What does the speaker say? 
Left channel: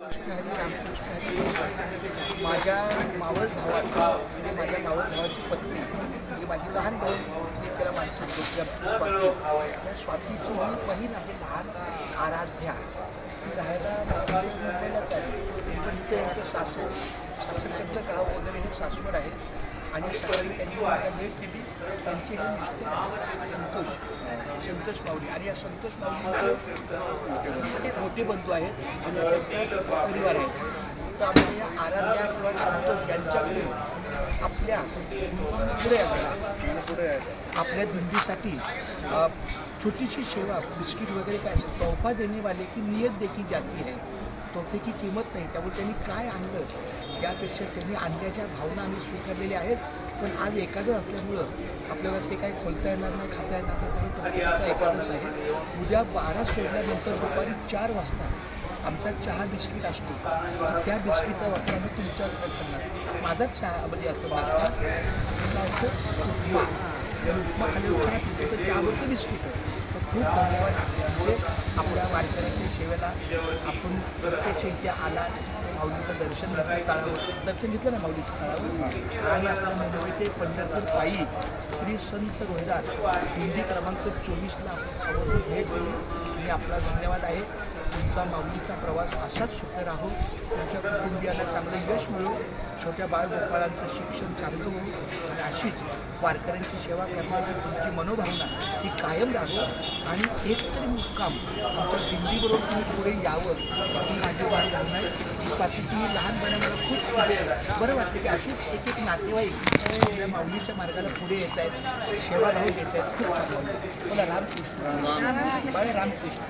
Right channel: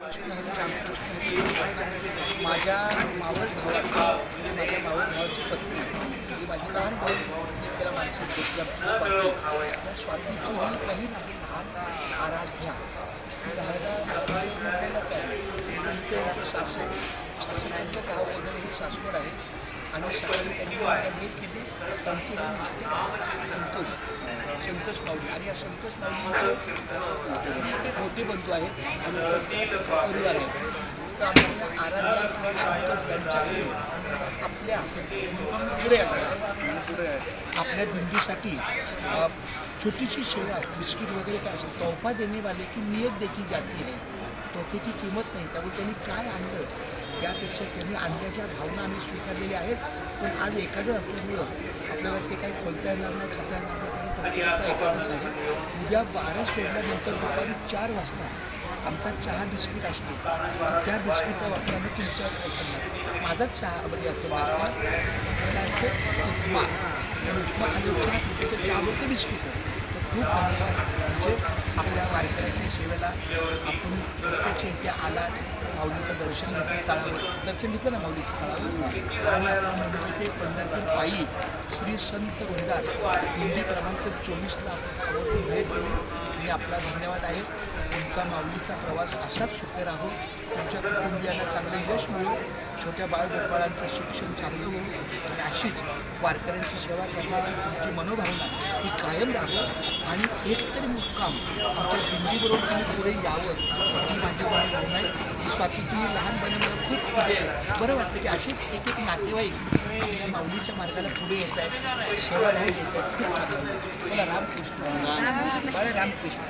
कृष्ण हरी रामकृष्ण हरी. माझ्या मावळ भावाची म्हणजे माझ्या मावळ भावाची पत्नी ही माझी लहान भाऊ मी त्याला मानतो छोटी आमची स्वाती. त्या स्वातीची ही बहीण आहे लहान आराध्या. ती राहायला मुंबईलाच आहे. पण इथे यांचं सासरकडचं गाव वगैरे हे सासवड आहे. आणि सकाळी त्यांनी मला भेट दिली. त्यांचे हे मिस्टर संतोष माऊली आणि या संतोष माऊलीचे मोठे बंधू आहेत आणि त्यांचा परिवार आहे. तर आम्ही या आराध्या किंवा संतोष यांच्याकडे आपल्या आपल्या दिंडीसाठी छोटीशी सेवा बिस्किट वगैरे काय असतं तोहफा देणे वाले की नियत देखी जाती है. तोहफे की किंमत नाही. त्यामुळे त्यांनी काय आणलं त्यापेक्षा त्यांनी आणल्याच्या भावना आम्ही स्वीकारलेल्या आहेत. पण आज एखादं असल्यामुळं आपल्याला ते काही खोलता येणार नाही खाता येणार नाही. कारण एखादंच आहे. उद्या 12 सोडल्यानंतर दुपारी 4 वाजता आमचा चहा बिस्किट असतो. त्या बिस्किटचा वापर आम्ही तुमच्या करणार. माझाच चहा म्हणजे असतो नाश्ता मला असं उपमा उपमा खाली उपमा तर चहावरती बिस्किट आहे. तर खूप धन्यवाद. म्हणजे आपल्या वारकऱ्यांच्या सेवेला आपण प्रत्यक्ष इथे आलात. माऊलीचं दर्शन घेतलं तळावर दर्शन घेतलं ना माऊलीच्या तळावर. आणि आपण मुंबई ते पंढरपूर पायी श्री संत रोहिदास दिंडी क्रमांक 24ला आपण आवर्जून भेट दिली. मी आपला धन्यवाद आहे. तुमचा माऊलीचा प्रवास असाच सुखकर राहो. तुमच्या कुटुंबियांना चांगलं यश मिळो. छोट्या बाळगोपाळांचं शिक्षण चांगलं हो. आणि अशीच वारकऱ्यांची सेवा करण्याची तुमची मनोभावना ही कायम राहो. आणि एकतरी मुक्काम तुमच्या दिंडीबरोबर तुम्ही पुढे यावं ही माझी भावना आहे. ही स्वातीची लहानपणा मला खूप म्हणजे बरं वाटतं की अशीच एक एक नातेवाईक या माऊलीच्या मार्गाला पुढे येत आहेत. सेवाभाव देत आहेत. खूप छान. बोला रामकृष्ण बाळे रामकृष्ण.